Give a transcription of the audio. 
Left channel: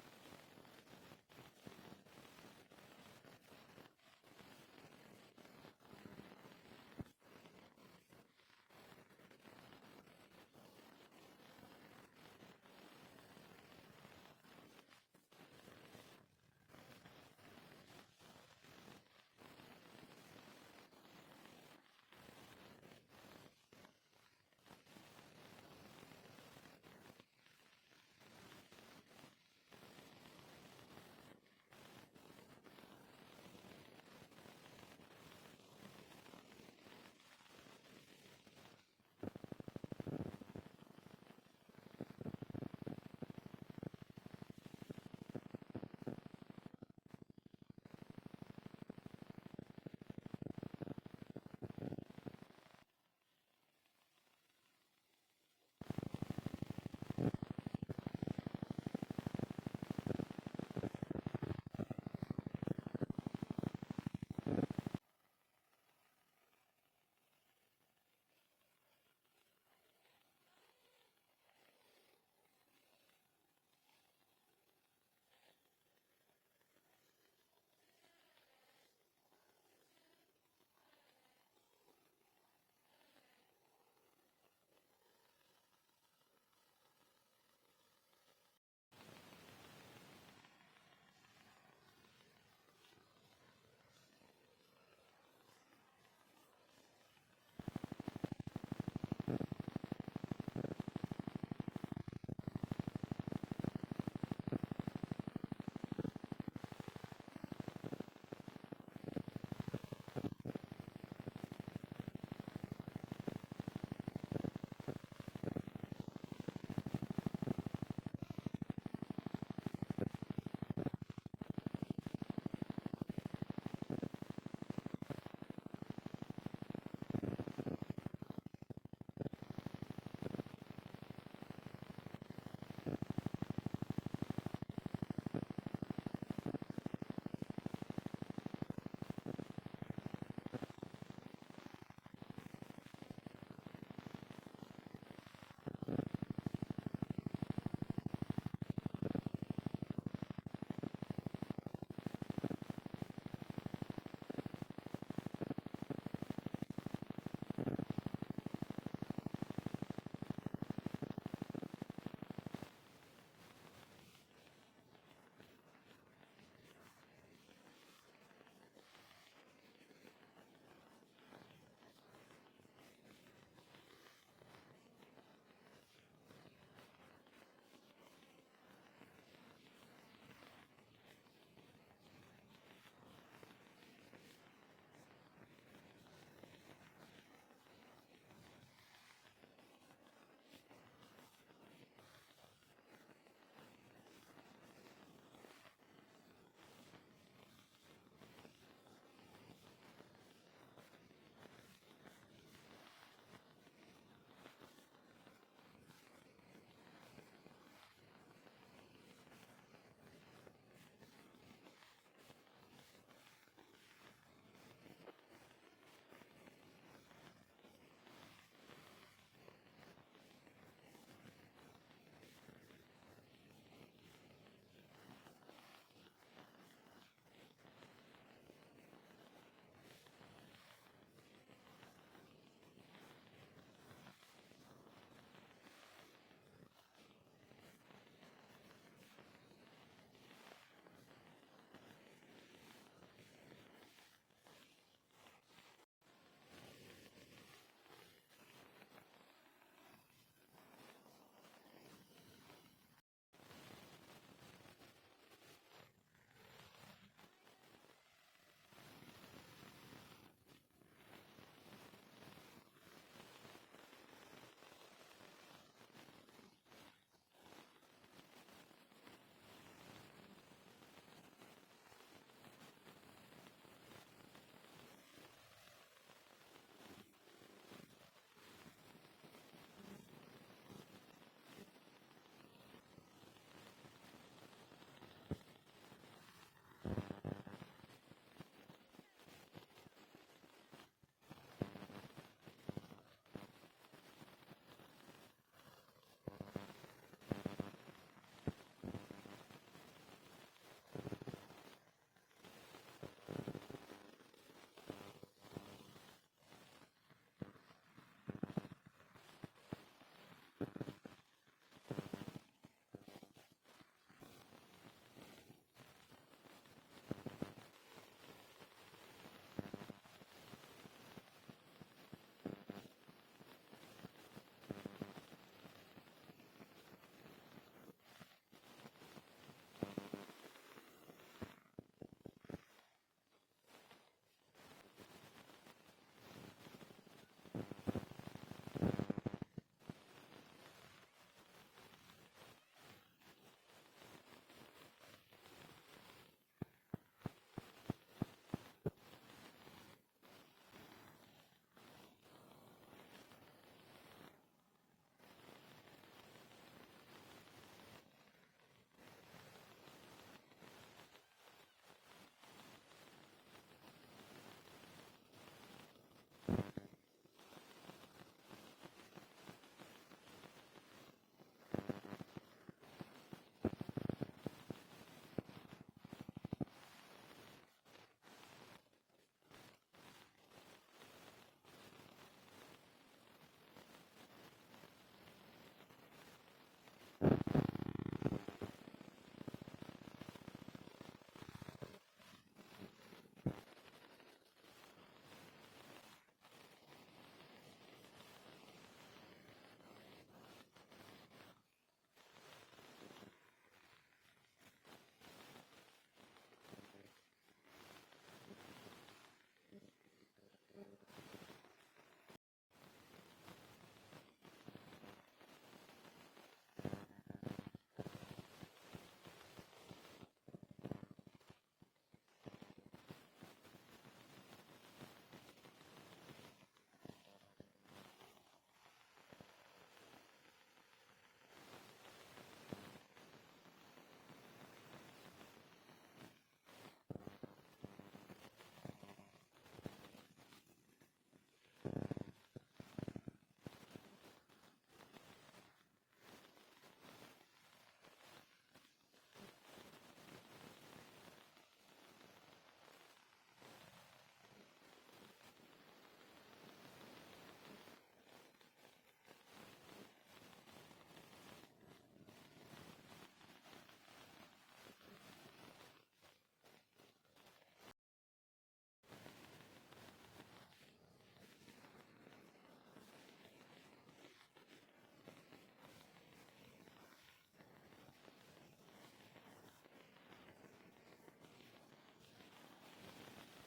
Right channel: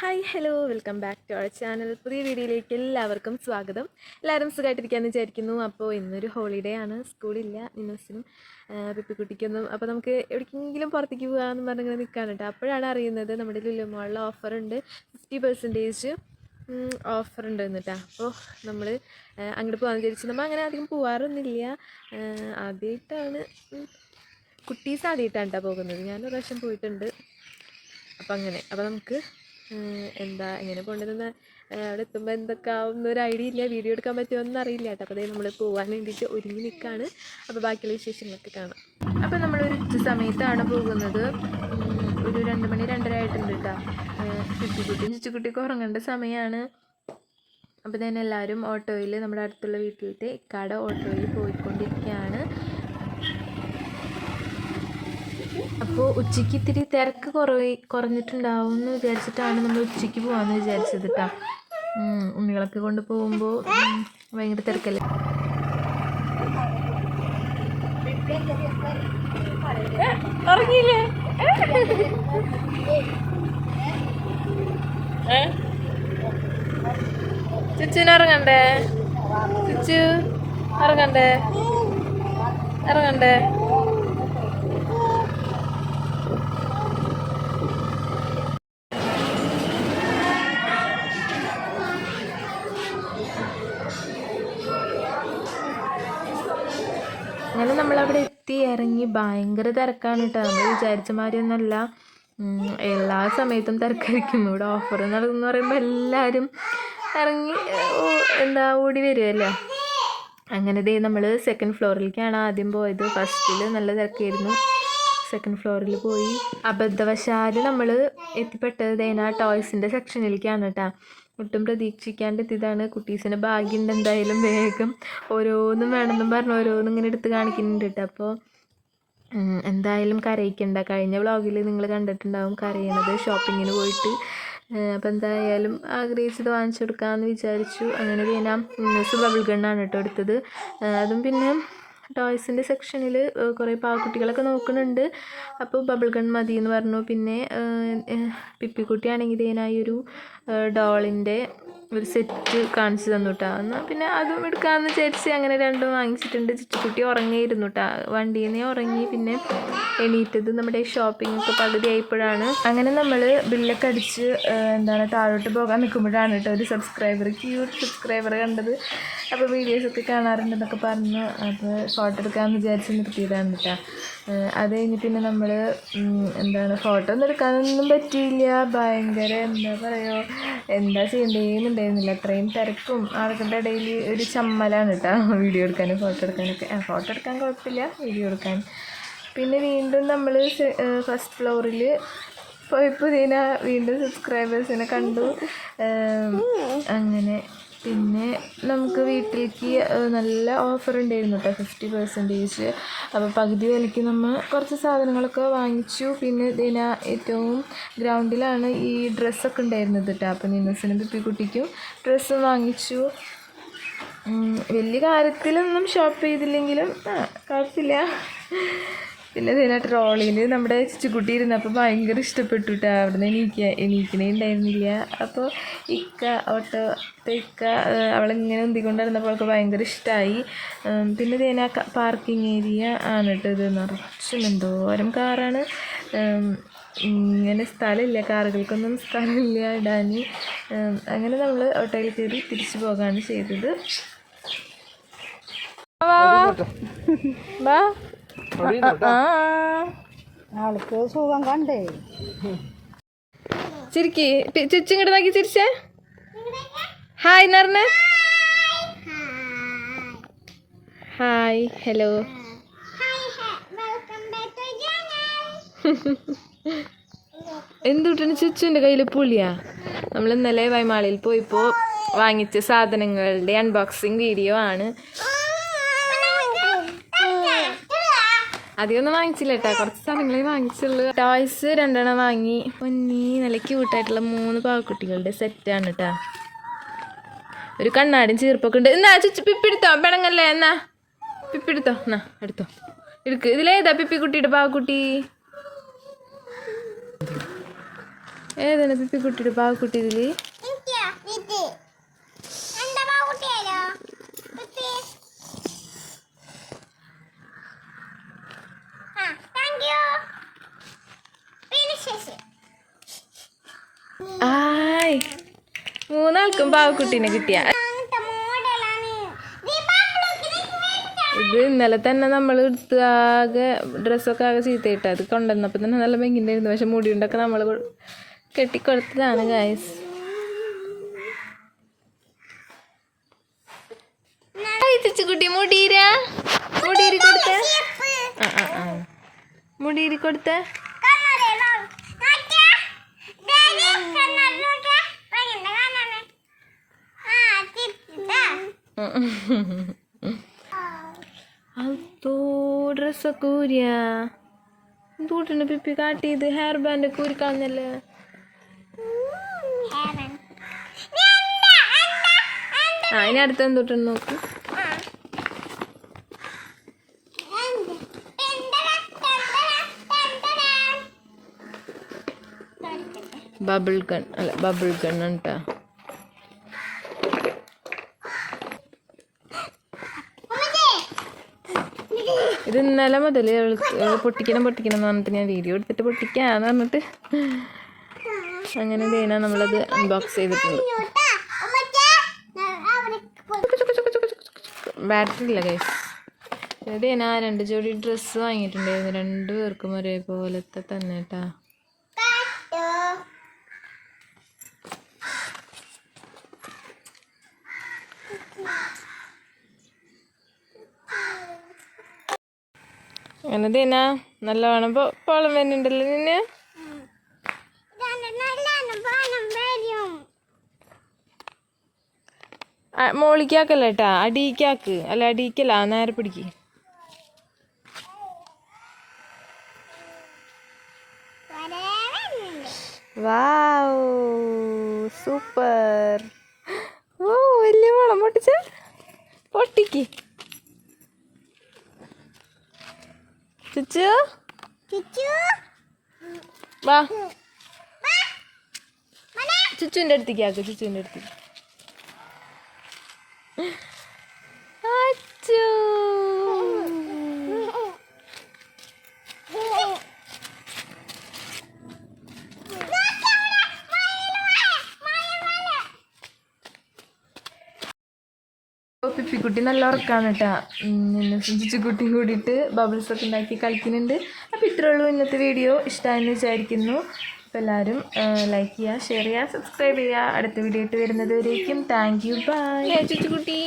Hi hello welcome back to our channel. പുതിയ വീഡിയോയിലേക്ക് എല്ലാവർക്കും സ്വാഗതം. എല്ലാവരും സുഖമായിട്ടിരിക്കാമെന്ന് വിചാരിക്കുന്നു. അപ്പോൾ ഇന്നൊരു ഹോളിഡേ ആണ്, സ്കൂളില്ല നിന്നൂസിനും പിപ്പിക്കുട്ടിക്കൊന്നും. അപ്പോൾ നമുക്ക് എവിടേക്കെങ്കിലും പുറത്തേക്ക് പോകാമെന്ന് പറഞ്ഞിങ്ങനെ നിൽക്കാണ് കേട്ടോ. അപ്പോഴാണ് അറിയുന്നത് നമ്മുടെ ലുലു മാളിൽ ഓഫറുണ്ട്, 50% ഓഫറുണ്ട് എന്നിട്ടാ. അപ്പോൾ നമ്മൾ അങ്ങോട്ട് പോകാമെന്ന് വിചാരിച്ചു. നമ്മൾ അങ്ങനെ അധികം പോകാറൊന്നുമില്ല, ആദ്യമായിട്ടാണ്, കുട്ടീസ് ആദ്യമായിട്ടാണ് കേട്ടോ പോകുന്നത്. ഞാനൊരു പ്രാവശ്യം പോയിട്ടുണ്ട്. അപ്പോൾ നമുക്ക് എങ്ങനെ പോകേണ്ടതെന്ന് അവിടെ എത്തുമ്പോൾ എന്തൊക്കെ ആവുന്നൊരു ഐഡിയ ഇല്ല, വീഡിയോ എടുക്കാൻ പറ്റുമോയെന്ന് അറിയില്ല കേട്ടോ. അപ്പോൾ നമ്മൾ പോകാൻ വേണ്ടിയിട്ട് ഒരുങ്ങി നിൽക്കുകയാണ്. അപ്പോൾ ബാക്കിയുള്ള വിശേഷങ്ങളൊക്കെ കാണാം. അപ്പോൾ നമ്മളൊരു ഉച്ച സമയത്താണ് പോകുന്നത്. ഒരു 2 മണി 2:30 ആയിട്ടുണ്ട് കേട്ടോ. ചുച്ചുകുട്ടിക്ക് ഉറങ്ങേണ്ട സമയമാണ്. അപ്പോൾ തന്നെ എല്ലാവരും ഓട്ടോയിൽ, നമ്മുടെ അടുത്തുള്ള വീട്ടിലത്തെ ഇക്കാടെ ഓട്ടോയിൽ പോയിക്കൊണ്ടിരിക്കുകയാണ്. അപ്പോൾ ഉച്ചയ്ക്ക് ഇത്തിരി തിരക്ക് കുറഞ്ഞിട്ടുണ്ടാവും എന്ന് വിചാരിച്ചിട്ടാണ് നമ്മൾ ഉച്ചയ്ക്ക് പോകാമെന്ന് വിചാരിച്ചത് കേട്ടോ. ഉണ്ണികളൊക്കെ കൊണ്ട് പോകുമ്പോൾ ഭയങ്കര തിരക്കല്ലേ. ഉറങ്ങിയില്ലേ? ചുച്ചുവിന് ഇറങ്ങണ്ടേ? ചുച്ചു ഇറങ്ങണ്ടേ? ഇറങ്ങണ്ടേ? അങ്ങനെ നമ്മളവിടെ എത്തി ഇറങ്ങി. ഭയങ്കര തിരക്കാണ് കേട്ടോ. നമ്മൾ വിചാരിച്ച മാതിരിയൊന്നുമല്ല, എല്ലാ സമയത്തും തിരക്കായിരിക്കും. ഇവിടെ ഓഫർ നടന്നു പറയുമ്പോൾ എല്ലാവരും ഇറങ്ങി ഓടി വരുമല്ലോ. അങ്ങനെ നമ്മൾ സെക്കൻഡ് ഫ്ലോറിലേക്കാണ് ആദ്യം പോയത്. ഫസ്റ്റിൽ നല്ല തിരക്കായിരുന്നു. സെക്കൻഡ് ഫ്ലോറിൽ പോയി. അബദ്ധവശാൽ നമ്മൾ എത്തിപ്പെട്ടത് ടോയ്സിൻ്റെ സെക്ഷനിലേക്കാണ് കേട്ടോ. ഒട്ടും പ്രതീക്ഷിക്കാണ്ട് എത്തിയതാണ്. കുട്ടീസിന് ഭാഗ്യമുണ്ട് എന്തായാലും. വേഗം ഓരോന്നും വേണമെന്നും പറഞ്ഞ് ഓരോന്നും ഇങ്ങനെ എടുത്ത് കാണിക്കുന്നുണ്ട് കേട്ടോ. അപ്പോൾ എന്തായാലും കരയിക്കണ്ട. കഴിഞ്ഞ വ്ളോഗിൽ നിങ്ങൾ കണ്ടിട്ടുണ്ടാവും കരയണത്, ഷോപ്പിങ്ങിന് പോയിട്ട്. അപ്പോൾ എന്തായാലും ആഗ്രഹിച്ചത് വാങ്ങിച്ചു കൊടുക്കാമെന്ന് വിചാരിച്ചു. അങ്ങനെ ഞാൻ ബബിൾ ഗണ്ണാണ് കേട്ടോ എടുത്തത്. അതും പിന്നെ ടോയ്സിൻ്റെ സെക്ഷനിൽ കുറേ പാവക്കുട്ടികളൊക്കെ നോക്കുന്നുണ്ട്. അപ്പോൾ ബബിൾ ഗൺ മതി എന്ന് പറഞ്ഞു. പിന്നെ പിപ്പിക്കുട്ടിയാണെങ്കിൽ ഇതിനായി ഒരു ഡോളിൻ്റെ ഒരു സെറ്റ് കാണിച്ചു തന്നു കേട്ടോ. എന്നാൽ പിന്നെ അതും എടുക്കാമെന്ന് വിചാരിച്ച് അങ്ങനെ രണ്ടും വാങ്ങിച്ചിട്ടുണ്ട്. ചുറ്റുകുട്ടി ഉറങ്ങിയിരുന്നു കേട്ടോ. വണ്ടിയിൽ നിന്ന് ഉറങ്ങി. പിന്നെ എണീറ്റത് നമ്മുടെ ഷോപ്പിംഗ് ഒക്കെ പകുതി ആയപ്പോഴാണ്. അങ്ങനെ നമ്മൾ ബില്ലൊക്കെ അടിച്ച് താഴോട്ട് പോകാൻ നിൽക്കുമ്പോഴാണ് കേട്ടോ ഒരു ക്യൂട്ട് സബ്സ്ക്രൈബർ കണ്ടത്. അപ്പോൾ വീഡിയോസൊക്കെ കാണാറുണ്ടെന്നൊക്കെ പറഞ്ഞു. അപ്പോൾ ഫോട്ടോ എടുക്കാമെന്ന് വിചാരിച്ച് നിർത്തിയതാണ് കേട്ടോ. അത് കഴിഞ്ഞ് പിന്നെ നമ്മൾ ഫോട്ടോ ഒന്നും എടുക്കാനൊന്നും പറ്റിയില്ല. ഭയങ്കര എന്താ ചെയ്യേണ്ടതെന്നുണ്ടായിരുന്നില്ല. അത്രയും തിരക്കും ആൾക്കാരുടെ ഇടയിൽ ഒരു ചമ്മലാണ് കേട്ടോ വീഡിയോ എടുക്കാനും ഫോട്ടോ എടുക്കാനൊക്കെ. ഫോട്ടോ എടുക്കാൻ കുഴപ്പമില്ല, വീഡിയോ എടുക്കാൻ. പിന്നെ വീണ്ടും നമ്മൾ ഫസ്റ്റ് ഫ്ലോറിൽ പോയപ്പോൾ വീണ്ടും സബ്സ്ക്രൈബേഴ്സിനെ കണ്ടു. അങ്ങനെ പിന്നെ നമുക്ക് വീട്ടിലേക്ക് നല്ല ഓഫർ ഉണ്ടായിരുന്നു കേട്ടോ, 50%. അപ്പോൾ പകുതി വിലയ്ക്ക് നമ്മൾ കുറച്ച് സാധനങ്ങളൊക്കെ വാങ്ങിച്ചു. പിന്നെ ഏറ്റവും ഗ്രൗണ്ടിലാണ് ഈ ഡ്രസ്സൊക്കെ ഉണ്ടായിരുന്നത് കേട്ടോ. അപ്പോൾ നിന്നൂസിനും പിപ്പിക്കുട്ടിക്കും ഡ്രസ്സ് വാങ്ങിച്ചു. വലിയ കാര്യത്തിലൊന്നും ഷോപ്പ് ചെയ്തില്ലെങ്കിലും കുഴപ്പമില്ല. പിന്നെ ട്രോളിയിൽ നമ്മുടെ ചുച്ചുകുട്ടി ഇരുന്നപ്പോൾ ഭയങ്കര ഇഷ്ടപ്പെട്ടു കേട്ടോ. അവിടെ നിന്ന് എണീക്കണേ ഉണ്ടായിരുന്നില്ല. അപ്പോൾ ഇക്ക അവളിങ്ങനെ ഉന്തിക്കൊണ്ടിരുന്നപ്പോൾ അവൾക്ക് ഭയങ്കര ഇഷ്ടമായി. പിന്നെ പാർക്കിംഗ് ഏരിയ ആണ് കേട്ടോ. ഇത് നിറച്ചും എന്തോരം കാറാണ്. ഇങ്ങനെ സ്ഥലമില്ല, കാറുകൾക്കൊന്നും സ്ഥലമില്ല ഇടാൻ. അങ്ങനെ നമ്മൾ ഓട്ടോയിൽ കയറി തിരിച്ചു പോകാണ് ചെയ്തത്. ആൾക്ക് സുഖം കണ്ടേ. ചിരിക്കി ചുച്ചിങ്ങോട്ട് നോക്കി ചിരിച്ചേ. ഹായ് എന്നറിഞ്ഞ. Hi hello. എന്തുട്ടാണ് ചുച്ചുവിൻ്റെ കയ്യിൽ പുളിയാ? നമ്മൾ ഇന്നലെ വൈമാളിയിൽ പോയിപ്പോൾ വാങ്ങിച്ച സാധനങ്ങളുടെ അൺബോക്സിങ് വീഡിയോ ആണ്. അധികമൊന്നും വാങ്ങിച്ചില്ല കേട്ടോ, കുറച്ച് സാധനങ്ങളെ വാങ്ങിച്ചുള്ളൂ. ടോയ്സ് 2 വാങ്ങി. നല്ല ക്യൂട്ടായിട്ടുള്ള 3 പാവക്കുട്ടികളുടെ സെറ്റാണ് കേട്ടോ. ഒരു കണ്ണാടിയും ചീർപ്പൊക്കെ ഉണ്ട്. എന്നാ ചുച്ചു പിപ്പിടുത്തോ, പെണങ്ങല്ലേ. എന്നാ പിപ്പിടുത്തോ, എന്നാ എടുത്തോ, ഇതിലേതാ പിപ്പിക്കുട്ടിയുടെ പാവക്കുട്ടി? ഏതാണ് പിപ്പിക്കുട്ടിയുടെ പാവക്കുട്ടി ഇതില്? ആയ്, മൂന്നാൾക്കും പാവക്കുട്ടീനെ കിട്ടിയ. ഇത് ഇന്നലെ തന്നെ നമ്മൾ എടുത്ത് ആകെ ഡ്രസ്സൊക്കെ ആകെ ചീത്തയിട്ട് അത് കൊണ്ടുവന്നപ്പോൾ തന്നെ നല്ല ഭംഗിണ്ടായിരുന്നു. പക്ഷെ മുടിയുണ്ടൊക്കെ നമ്മൾ കെട്ടിക്കൊടുത്തതാണ് ഗായ്സ്. കുട്ടി മുടീരി കൊടുത്ത മുടീരി കൊടുത്ത അതോ ഡ്രസ്സൊക്കെ ഊരിയ എന്തൂട്ടാണ് പിപ്പി കാട്ടിയത്? ഹെയർ ബാൻഡ് ഒക്കെ ഊരിക്കളഞ്ഞല്ലേ. ഇനി അടുത്ത എന്തൂട്ടാണ് നോക്ക്. ബബിൾ ഗൺ അല്ല, ബബിൾ ഗൺ കേട്ടാ. ഇത് ഇന്നലെ മുതൽ പൊട്ടിക്കണം എന്ന് പറഞ്ഞിട്ട് ഞാൻ വീഡിയോ എടുത്തിട്ട് പൊട്ടിക്കാന്ന് പറഞ്ഞിട്ട് അങ്ങനെ തേനാ നമ്മളത് അൺബോക്സ് ചെയ്തിട്ടുണ്ട്. ബാറ്ററി ഇല്ല ഗൈസ്. ഇതേനാ 2 ജോഡി ഡ്രസ്സ് വാങ്ങിയിട്ടുണ്ടായിരുന്നു, 2 പേർക്കും ഒരേപോലത്തെ തന്നെ കേട്ടാ. അങ്ങനെ തേനാ നല്ലവണ്ണം പോളം വരുന്നുണ്ടല്ലോ നിന്നെ. മോളിക്കാക്കല്ല കേട്ടാ, അടിക്കാക്ക്. അല്ല അടിക്കല്ല, നേരെ പിടിക്ക്. വാവ്, സൂപ്പർ. ഓ വലിയ മോളം പൊട്ടിച്ച പൊട്ടിക്ക്. ചുച്ചു വാ, ചുച്ചുവിൻ്റെ അടുത്തേക്ക് ആക്ക്. ചുച്ചുവിൻ്റെ അടുത്തേക്ക്. അച്ചു പിപ്പിക്കുട്ടി നല്ല ഉറക്കാണ് കേട്ടാ. ചുച്ചുക്കുട്ടിയും കൂടിയിട്ട് ബബിൾസൊക്കെ ഉണ്ടാക്കി കളിക്കുന്നുണ്ട്. അപ്പോൾ ഇത്രേ ഉള്ളൂ ഇന്നത്തെ വീഡിയോ. ഇഷ്ടമായെന്ന് വിചാരിക്കുന്നു. അപ്പോൾ എല്ലാവരും ലൈക്ക് ചെയ്യുക, ഷെയർ ചെയ്യുക, സബ്സ്ക്രൈബ് ചെയ്യുക. അടുത്ത വീഡിയോ ആയിട്ട് വരുന്നത് വരേക്കും താങ്ക് യു, ബൈ. ചുച്ചുക്കുട്ടി.